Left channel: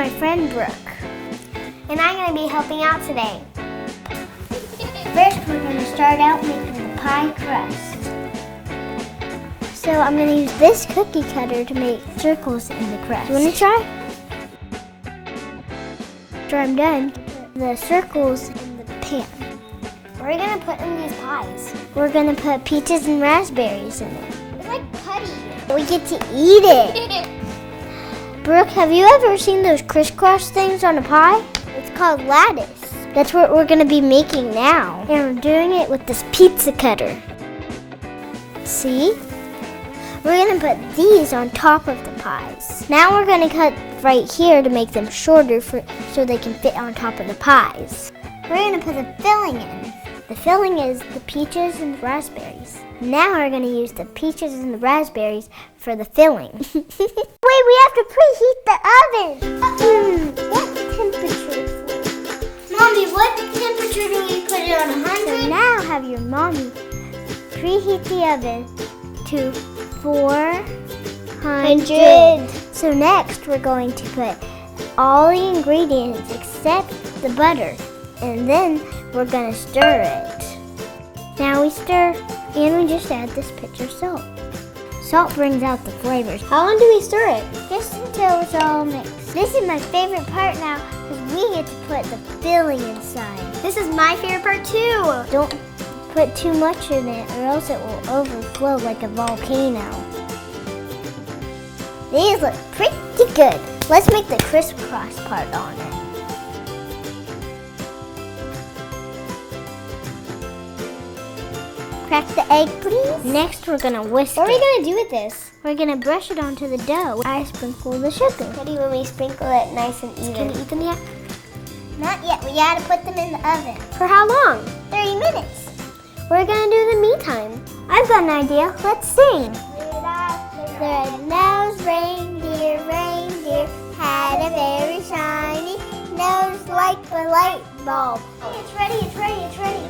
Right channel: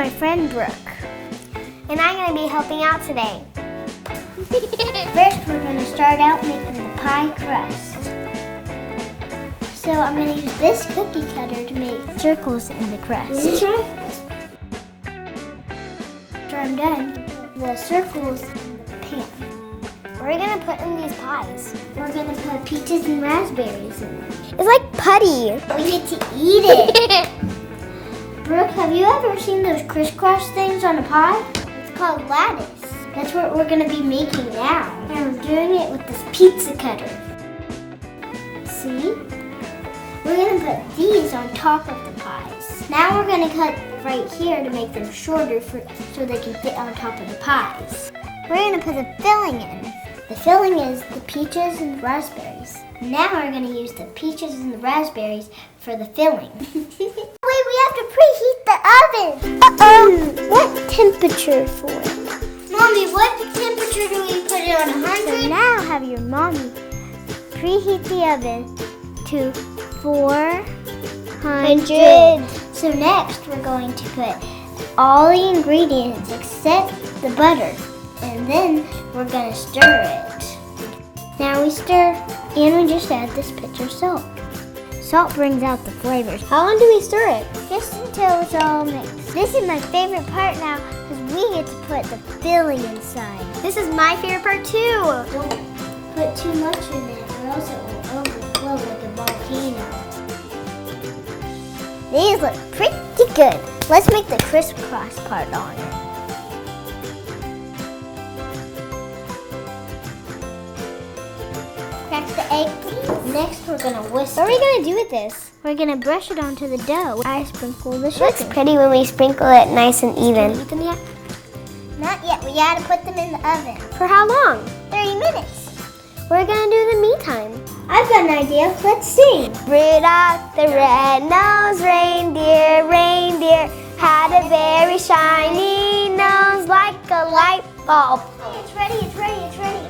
my friend Brooke. And I'm going to be helping out today. First, we're going to start out making the pie crust. So I'm going to use this cookie cutter to make circles in the crust. You want to try? After I'm done, the circles in the pan. We're going to put in these pies. We're going to put peaches and raspberries in it. It's like putty. We get to eat it. Brooke, have you ever seen those crisscross things on a pie? It's called lattice. That's what we're going to be making now. And we're doing it with this pizza cutter. See? We're going to put these on top of the pies. Now we're going to cut right here to make them shorter so they can fit on top of the pies. We're going to put the filling in. The filling is the peaches and the raspberries. Now we're going to use the peaches and the raspberries for the filling. Wait, we have to preheat the oven. What temperature for it? Mommy, what temperature do we put it on? 100? So now have your mommy preheat the oven to 400. So next we're going to put all the ingredients except the butter. And then we're going to stir it. Now we stir, and we just add this pinch of salt. Salt brings out the flavors. How long do we stir it? Just until it's all mixed. This is my favorite part now because we get to put the filling inside. This is my favorite part too. Don't put too much in it or else it will overflow like a volcano. These look pretty good. Let's make the crisscross part on it. Crack the egg, please. Next, we're gonna whisk. What are we gonna do with this? We're gonna brush it onto the dough. I sprinkle the sugar. It's pretty when we sprinkle it nice and even. Can you eat them yet? Not yet. We gotta put them in the oven. For how long? 30 minutes. We're gonna do the me time. I've got an idea. Let's sing. Rudolph the red-nosed reindeer, had a very shiny nose like a light bulb. Hey, it's ready, it's ready, it's ready.